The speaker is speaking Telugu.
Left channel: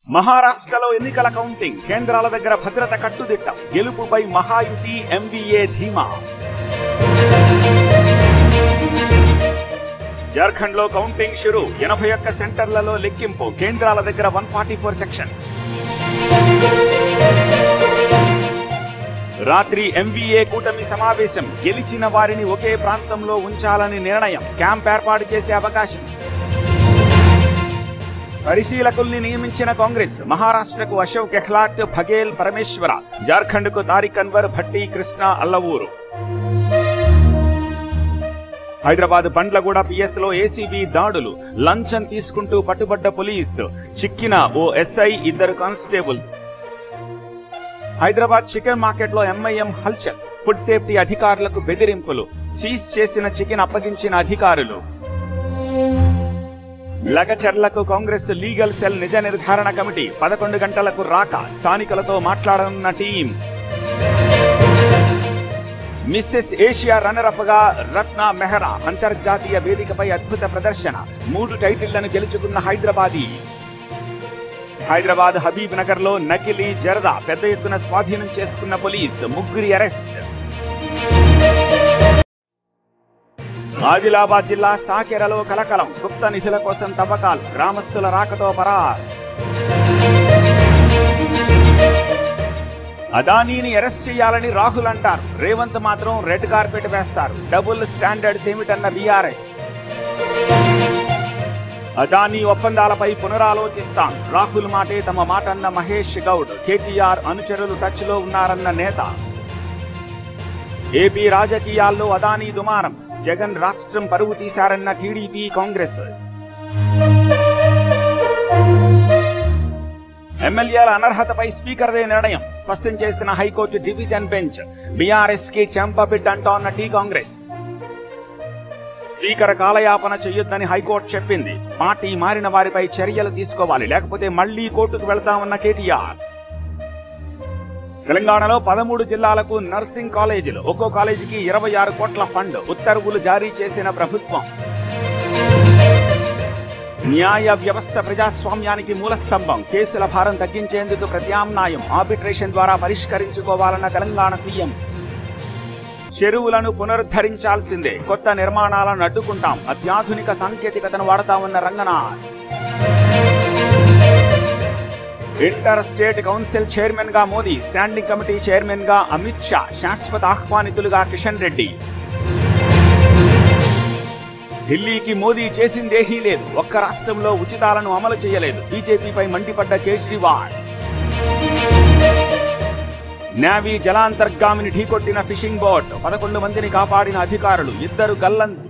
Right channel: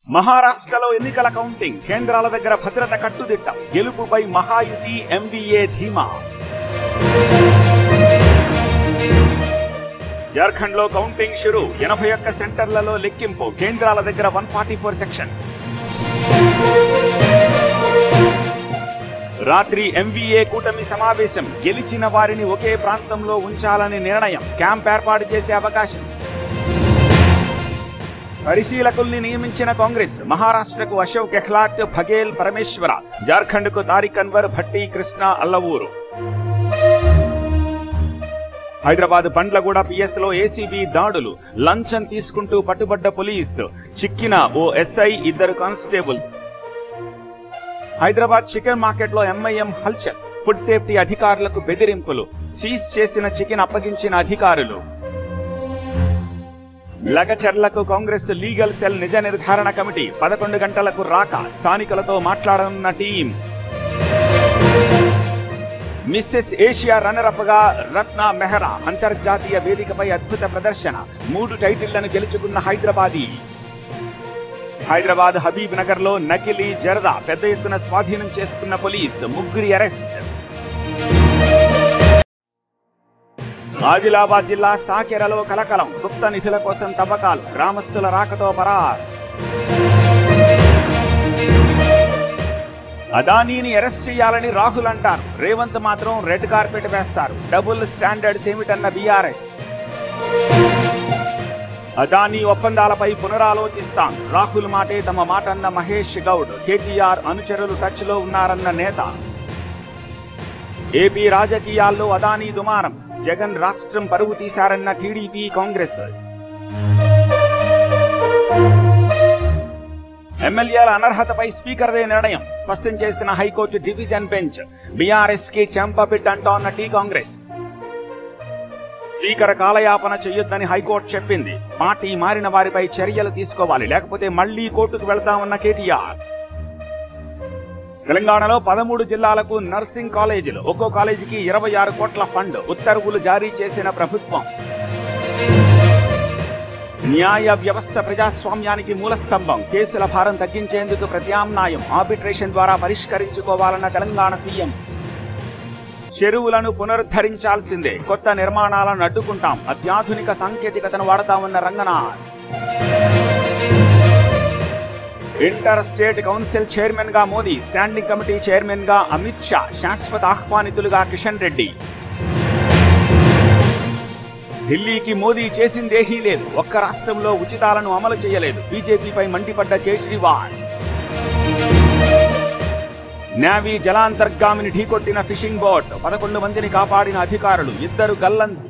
మహారాష్ట్రలో ఎన్నికల కౌంటింగ్, కేంద్రాల దగ్గర భద్రత కట్టుదిట్టం, గెలుపుపై మహాయుతి ఎంవీఏ ధీమా. జార్ఖండ్ లో కౌంటింగ్ షురు, 81 సెంటర్లలో లెక్కింపు, కేంద్రాల దగ్గర 144 సెక్షన్. రాత్రి ఎంవీఏ కూటమి సమావేశం, గెలిచిన వారిని ఒకే ప్రాంతంలో ఉంచాలని నిర్ణయం, క్యాంప్ ఏర్పాటు చేసే అవకాశం. పరిశీలకుల్ని నియమించిన కాంగ్రెస్, మహారాష్ట్రకు అశోక్ గెహ్లాట్, బఘేల్, పరమేశ్వర, జార్ఖండ్ కు తారిక్ అన్వర్, భట్టి, కృష్ణ, అల్లవూరు. హైదరాబాద్ బండ్లగూడ పిఎస్ లో ఏసీబీ దాడులు, లంచం తీసుకుంటూ పట్టుబడ్డ పోలీసు, చిక్కిన ఓ SI, 2 constables. Hyderabad chicken market లో ఎంఐఎం హల్చల్, ఫుడ్ సేఫ్టీ అధికారులకు బెదిరింపులు, సీజ్ చేసిన చికెన్ అప్పగించిన అధికారులు. లగచర్లకు కాంగ్రెస్ లీగల్ సెల్ నిజ నిర్ధారణ కమిటీ, 11 గంటలకు రాక స్థానికులతో మాట్లాడనున్న టీం. మిస్సెస్ ఏషియా రన్నరప్ గా రత్న మెహ్రా, అంతర్జాతీయ వేదికపై అద్భుత ప్రదర్శన, 3 టైటిళ్లను గెలుచుకున్న హైదరాబాదీ. హైదరాబాద్ హబీబ్ నగర్ లో నకిలీ జరదా పెద్ద ఎత్తున స్వాధీనం చేసుకున్న పోలీస్, 3 అరెస్ట్. ఆదిలాబాద్ జిల్లా సాకెరలో కలకలం, గుప్త నిధుల కోసం తవ్వకాలు, గ్రామస్తుల రాకతో పరార్. అదానీని అరెస్ట్ చేయాలని రాహుల్ అంటారు, రేవంత్ మాత్రం రెడ్ కార్పెట్ వేస్తారు. డబుల్ స్టాండర్డ్స్ ఏమిటన్న బీఆర్ఎస్. అదానీ ఒప్పందాలపై పునరాలోచిస్తాం, రాహుల్ మాటే తమ మాట అన్న మహేష్ గౌడ్. కేటీఆర్ అనుచరులు టచ్ లో ఉన్నారన్న నేత. ఏపీ రాజకీయాల్లో అదానీ దుమారం, జగన్ రాష్ట్రం పరువు తీశారన్న టీడీపీ, కాంగ్రెస్. ఎమ్మెల్యేల అనర్హతపై స్పీకర్దే నిర్ణయం, స్పష్టం చేసిన హైకోర్టు డివిజన్ బెంచ్. బీఆర్ఎస్ కి చెంపపిట్ అంటోన్న టీ కాంగ్రెస్. స్పీకర్ కాలయాపన చేయొద్దని హైకోర్టు చెప్పింది, పార్టీ మారిన వారిపై చర్యలు తీసుకోవాలి, లేకపోతే మళ్లీ కోర్టుకు వెళ్తామన్న కేటీఆర్. తెలంగాణలో 13 జిల్లాలకు నర్సింగ్ కాలేజీలు, ఒక్కో కాలేజీకి 26 కోట్ల ఫండ్, ఉత్తర్వులు జారీ చేసిన ప్రభుత్వం. న్యాయ వ్యవస్థ ప్రజాస్వామ్యానికి మూలస్తంభం, కేసుల భారం తగ్గించేందుకు ప్రత్యామ్నాయం, ఆర్బిట్రేషన్ ద్వారా పరిష్కరించుకోవాలన్న తెలంగాణ సీఎం. చెరువులను పునరుద్ధరించాల్సిందే, కొత్త నిర్మాణాలను అడ్డుకుంటాం, అత్యాధునిక సాంకేతికతను వాడతామన్న Ranganath. Inter state council chairman గా మోదీ, స్టాండింగ్ కమిటీ చైర్మన్ గా అమిత్ షా, శాశ్వత ఆహ్వానితులుగా కిషన్ రెడ్డి. ఢిల్లీకి మోదీ చేసిందేహీ లేదు, ఒక్క రాష్ట్రంలో ఉచితాలను అమలు చేయలేదు, బీజేపీపై మండిపడ్డ కేజ్రీవాల్. నేవీ జలాంతర్గామిని ఢీకొట్టిన ఫిషింగ్ బోట్, 11 మందిని కాపాడిన అధికారులు, 2 గల్లంతు.